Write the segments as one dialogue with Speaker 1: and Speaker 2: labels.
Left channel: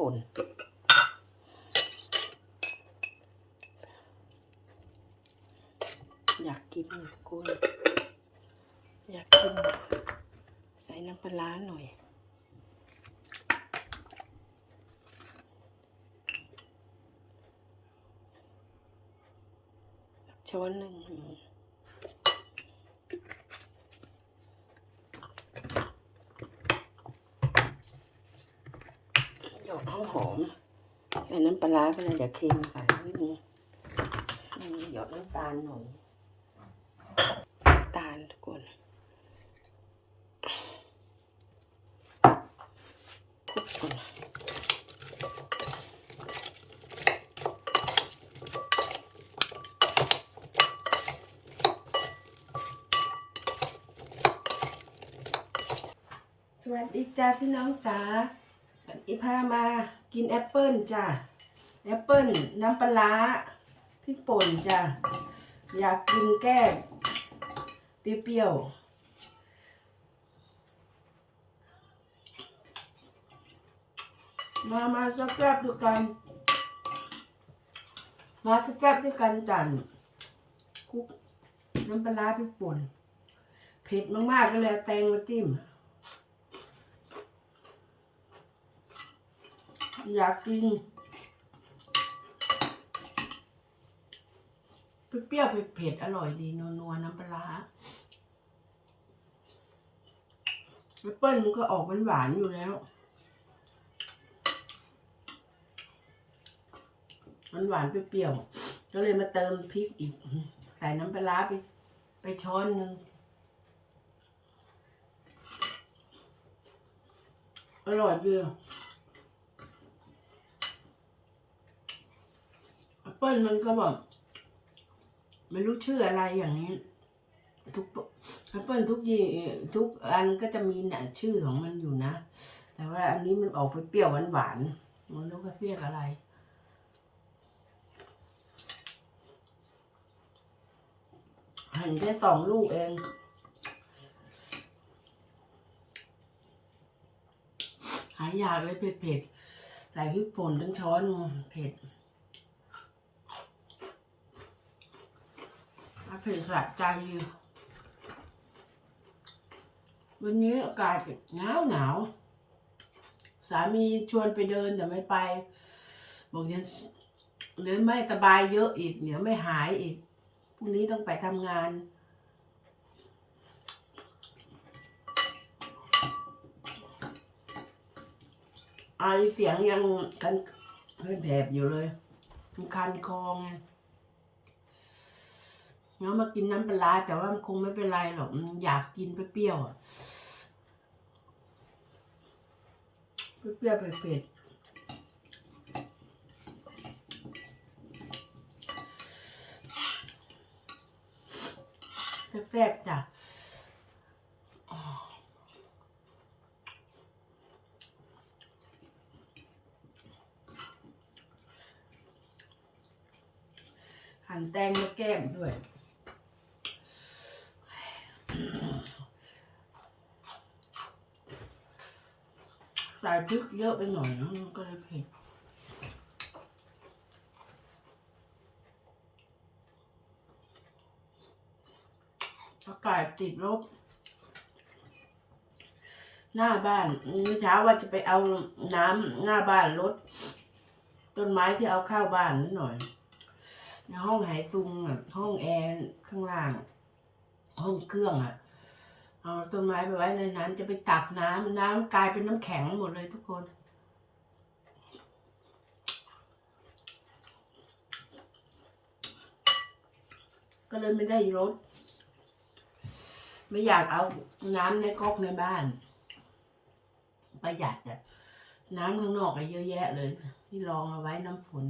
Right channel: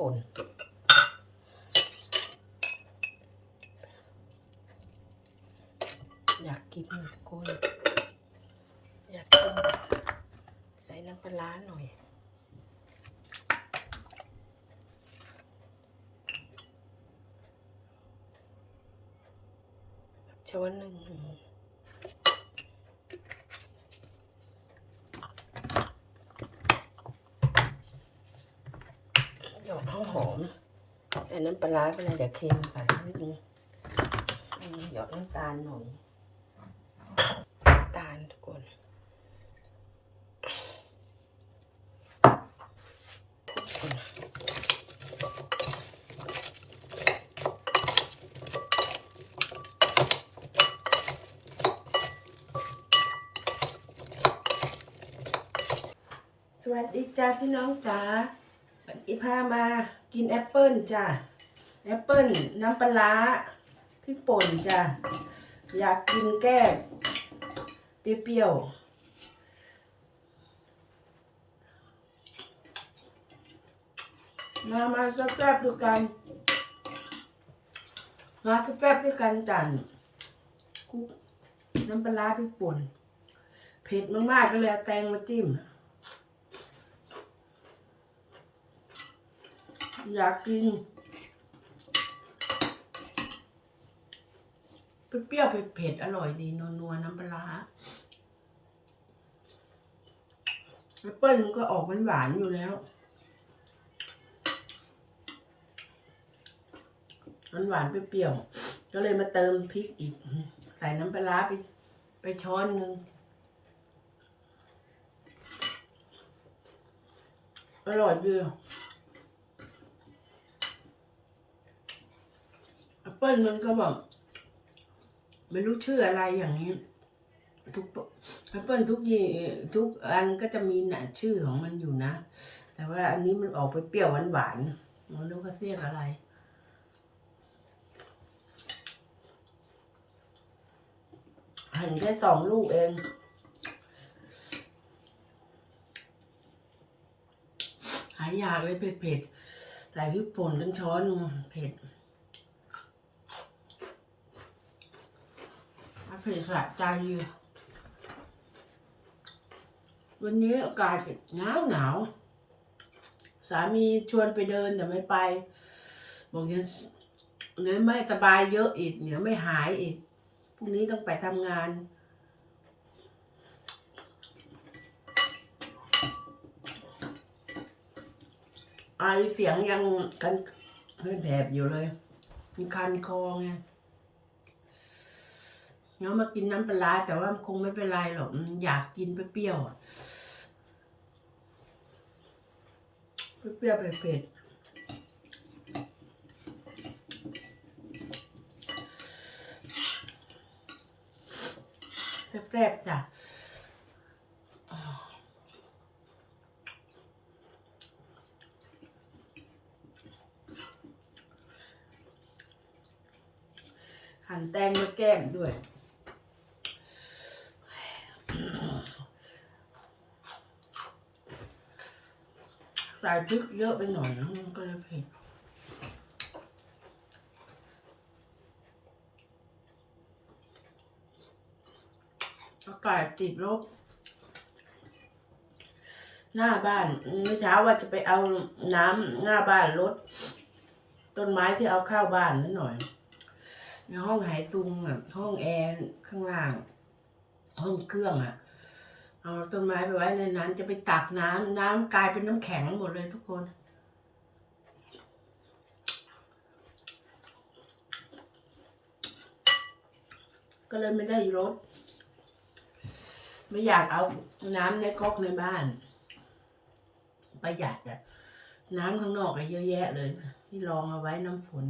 Speaker 1: ป่น อยากกินกุ้งอยากกิน ใส่น้ำปลาร้าหน่อยช้อนหนึ่งหยอดหอมหอมๆใส่ น้ำปลาร้าไปเลยเดี๋ยวเค็มใส่นิดนึงอืมหยอดน้ำตาลหน่อยน้ำตาลทุกคนสวัสดีจ้าพี่น้องจ๋าวันนี้พามา กินแอปเปิลจ้าแอปเปิลน้ำปลาพริกป่นจ้าอยากกินแก้เปรี้ยวมา มาสักแป๊บด้วยกัน มาสักแป๊บด้วยกันจันคุกน้ำปลาร้าพริกป่น เผ็ดมาก ๆ ก็เลยเอาแตงมาจิ้ม อยากกิน เปรี้ยวเผ็ดๆอร่อยดีนัวๆน้ำปลาแอปเปิ้ลมันก็ออกหวานๆอยู่แล้วมันหวานเปรี้ยวก็เลยมาเติมพริกอีก ใส่น้ำปลาร้าไปไปช้อนหนึ่งอร่อยดีแอป เปิ้ลมันก็แบบไม่รู้ชื่ออะไรอย่างนี้ ทุกแอปเปิ้ลทุกยี่ทุกอันก็จะมีหนะชื่อของมันอยู่นะ แต่ว่าอันนี้มันออกไปเปรี้ยวหวานหวานมันรู้ก็เรียกอะไรหั่นแค่สองลูกเองหายอยากเลยเผ็ดๆใส่พริกป่นทั้งช้อนเผ็ดอะเผีสะใจวันนี้อากาศหนาวหนาวสามีชวนไปเดินแต่ไม่ไป บอกยังเดี๋ยวไม่สบายเยอะอีกเดี๋ยวไม่หายอีกพรุ่งนี้ต้องไปทำงาน ไอเสียงยังกันแผบอยู่เลย มันคันคอไง แล้วมากินน้ำปลาแต่ว่ามันคงไม่เป็นไรหรอกอยากกินเปรี้ยวๆอะเปรี้ยวเผ็ดแซ่บๆจ้ะหั่นแตงมาแก้มด้วย ใส่พริกเยอะไปหน่อยมันก็จะเผ็ดอากาศติดลบ หน้าบ้านเมื่อเช้าว่าจะไปเอาน้ำหน้าบ้านรถต้นไม้ที่เอาเข้าบ้านนิดหน่อย ในห้องหายซุงอะ ห้องแอร์ข้างล่าง ห้องเครื่องอะ เอาต้นไม้ไปไว้ในนั้น จะไปตักน้ำน้ำกลายเป็นน้ำแข็งหมดเลยทุกคน ก็เลยไม่ได้รถไม่อยากเอาน้ำในก๊อกในบ้าน ประหยัดอะน้ำข้างนอกอะเยอะแยะเลย ที่รองเอาไว้น้ำฝน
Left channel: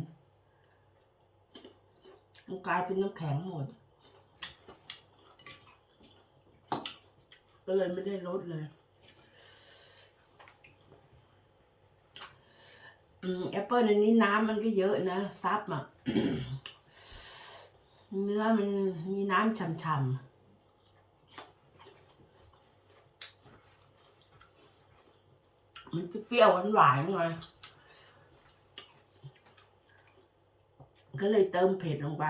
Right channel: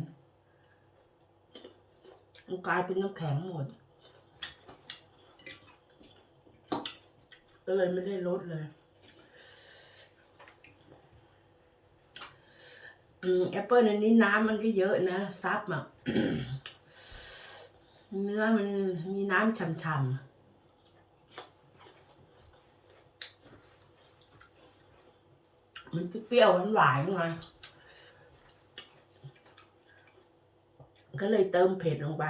Speaker 1: มันกลายเป็นน้ำแข็งหมด ก็เลยไม่ได้ลดเลยแอปเปิลอันนี้น้ำมันก็เยอะนะ ซับอะ เนื้อมันมีน้ำฉ่ำๆมันเปรี้ยวหวานๆไงก็เลยเติมเผ็ดลงไป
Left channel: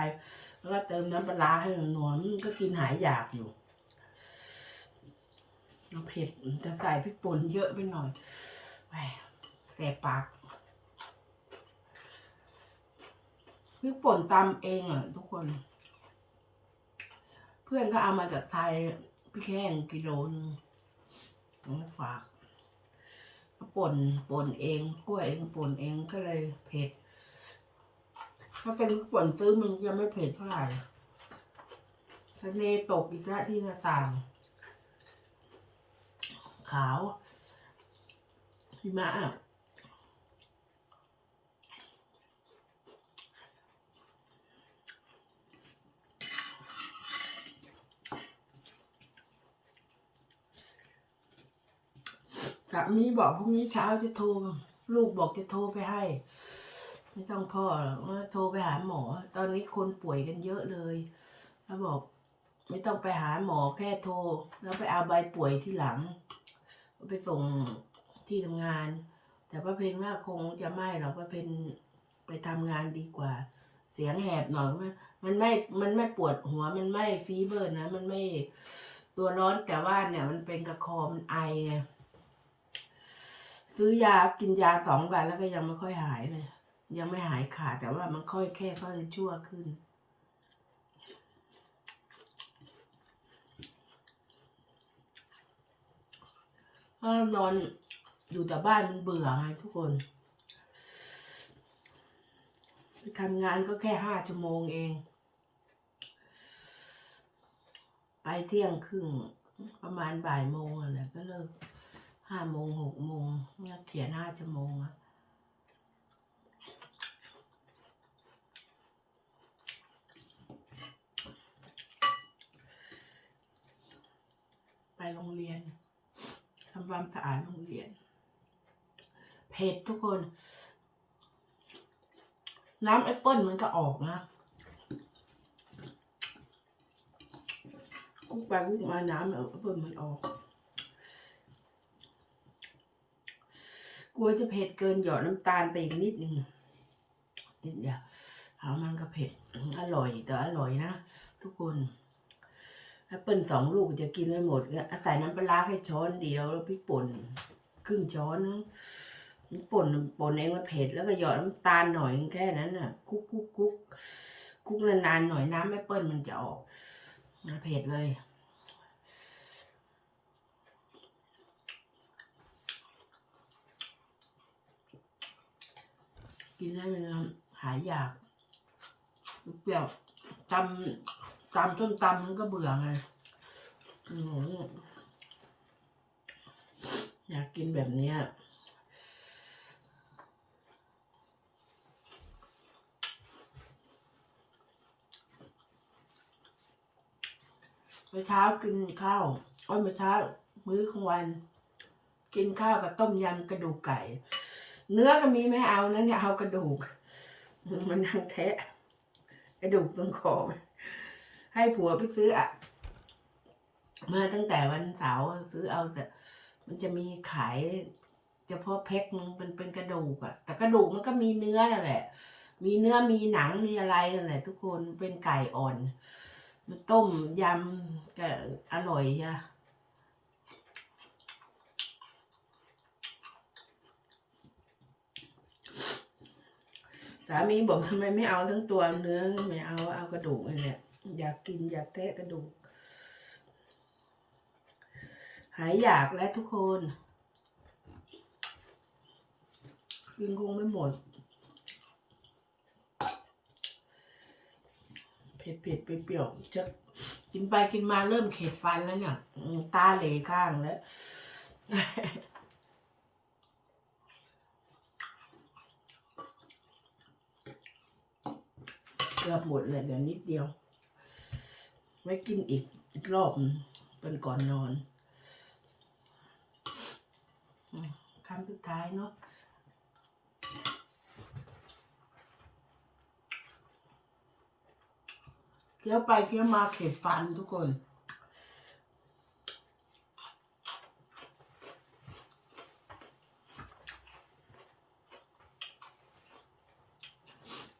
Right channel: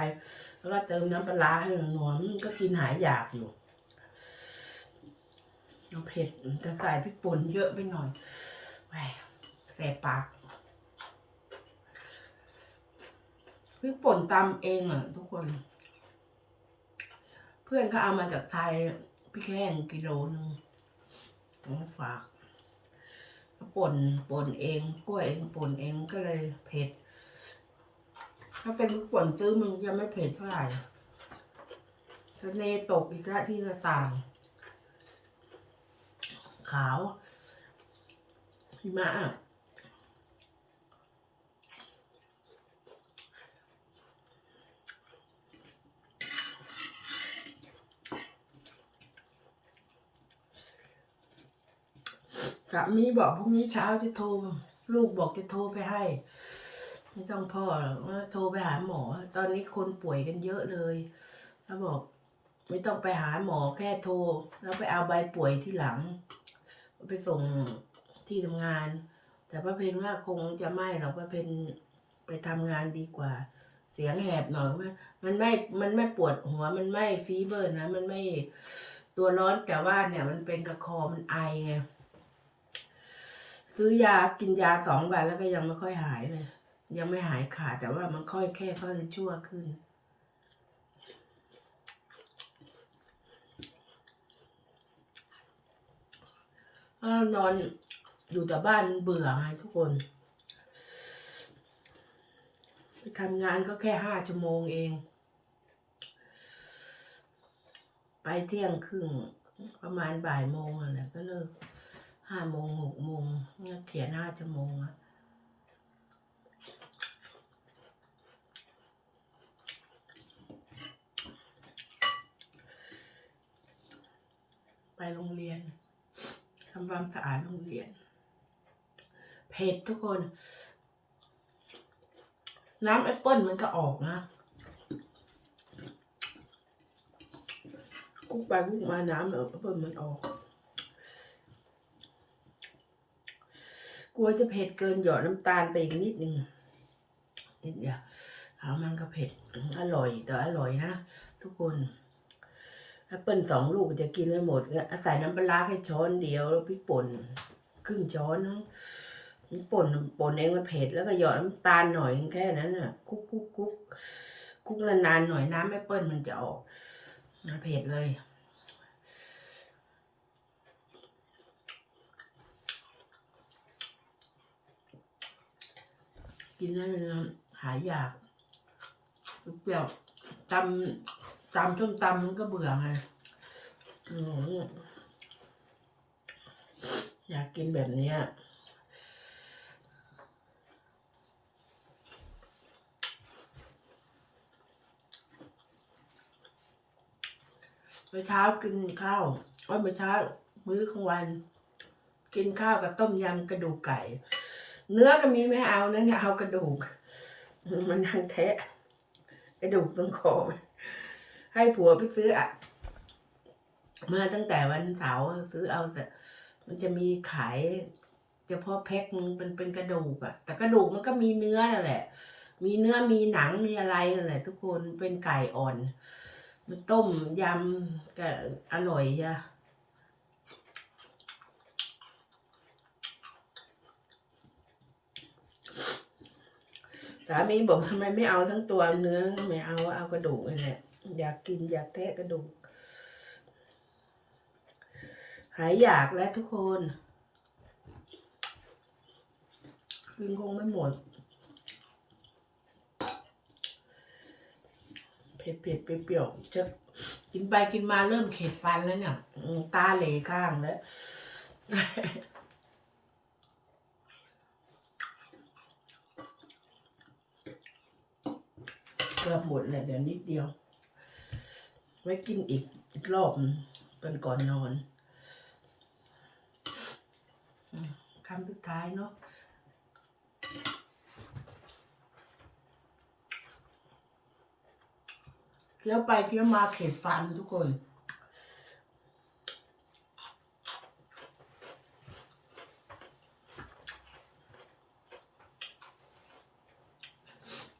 Speaker 1: แล้วก็เติมน้ำปลาให้หนวมก็กินหายอยากอยู่ เอาเผ็ดจะใส่พริกป่นเยอะไปหน่อยแหวแสบปากพริกป่นตำเองอะทุกคน เพื่อนก็เอามาจากไทยพริกแห้งกิโลนึงเอามาฝากก็ป่นป่นเองกล้วยเองป่นเองก็เลยเผ็ด ถ้าเป็นพริกป่นซื้อมันจะไม่เผ็ดเท่าไหร่ทะเลตกอีกล้วที่หน้าต่าง ขาวหิมะสามีบอกพรุ่งนี้เช้าจะโทร ลูกบอกจะโทรไปให้ ไม่ต้องพ่อหรอกว่าโทรไปหาหมอ ตอนนี้คนป่วยกันเยอะเลย แล้วบอก ไม่ต้องไปหาหมอแค่โทร แล้วไปเอาใบป่วยที่หลัง ไปส่งที่ทำงาน แต่ป้าเพนว่าคงจะไม่หรอกป้าเพนไปทำงานดีกว่า เสียงแหบหน่อยมันมันไม่มันไม่ปวดหัวมันไม่ฟีเบอร์นะ มันไม่ตัวร้อนแต่ว่าเนี่ย มันเป็นกระคอมันไอไงซื้อยากินยาสองวันแล้วก็ยังไม่ค่อยหายเลย ยังไม่หายขาดแต่ว่ามันค่อยแค่ค่อยชั่วขึ้น ถ้านอนอยู่แต่บ้านมันเบื่อไงทุกคนไปทำงานก็แค่ห้าชั่วโมงเอง ไปเที่ยงครึ่งประมาณบ่ายโมงอะไรก็เลิกห้าโมงหกโมงเขียนห้าชั่วโมงอะไปโรงเรียน ทำความสะอาดโรงเรียน เผ็ดทุกคน น้ำแอปเปิ้ลมันก็ออกนะกุ๊กไปกุ๊กมาน้ำแอปเปิ้ลมันออก กลัวจะเผ็ดเกินหยอดน้ำตาลไปอีกนิดนึงนิดเดียวเอามันก็เผ็ด อร่อยแต่อร่อยนะทุกคน แอปเปิลสองลูกจะกินไม่หมดก็ใส่น้ำปลาแค่ช้อนเดียวแล้วพริกป่นครึ่งช้อนมั้งป่นป่นเองมันเผ็ดแล้วก็หยอดน้ำตาลหน่อยแค่นั้นน่ะคุกคุกคุกคุกนานๆหน่อยน้ำแอปเปิลมันจะออกเผ็ดเลยกินได้เวลาหายอยากเปรี้ยวตำ ตำส้มตำมันก็เบื่อไงอยากกินแบบนี้เมื่อเช้ากินข้าวอ้ยเมื่อเช้า มื้อกลางวัน กินข้าวกับต้มยำกระดูกไก่ เนื้อก็มีไม่เอานะเนี่ยเอากระดูก มันนั่งแทะ กระดูกตรงคอมัน ให้ผัวไปซื้ออะมาตั้งแต่วันเสาร์ซื้อเอาแต่มันจะมีขายเฉพาะแพ็คนึงเป็นเป็นกระดูกอะแต่กระดูกมันก็มีเนื้อนั่นแหละ มีเนื้อมีหนังมีอะไรนั่นแหละ ทุกคนเป็นไก่อ่อน มันต้มยำก็อร่อยจ้ะสามีบอกทำไมไม่เอาทั้งตัวเนื้อไม่เอาเอากระดูกนี่แหละ อยากกินอยากแทะกระดูก หายอยากแล้วทุกคน กินคงไม่หมด เผ็ดเผ็ดเปรี้ยวจะกินไปกินมาเริ่มเข็ดฟันแล้วเนี่ย ตาเหลข้างแล้วเกือบหมดเลยเดี๋ยวนิดเดียว ไว้กินอีกอีกรอบเป็นก่อนนอนคำสุดท้ายเนาะเคี้ยวไปเคี้ยวมาเข็ดฟันทุกคน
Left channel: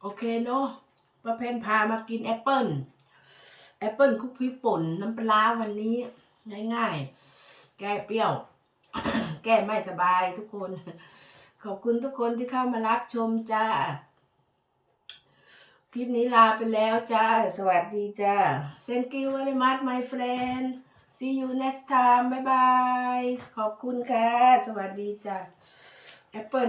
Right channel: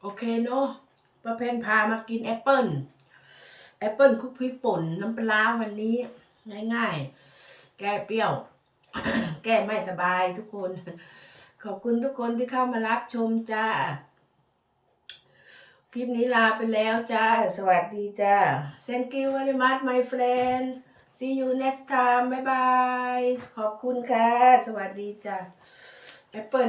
Speaker 1: โอเคเนาะประเพนพามากินแอปเปิ้ล แอปเปิลคุกพริกป่นน้ำปลาวันนี้ ง่ายๆ แก้เปรี้ยว แก้ไม่สบายทุกคน ขอบคุณทุกคนที่เข้ามารับชมจ้า คลิปนี้ลาไปแล้วจ้า สวัสดีจ้า Thank you very much my friend see you next time บ๊ายบายขอบคุณค่ะ สวัสดีจ้าแอปเปิล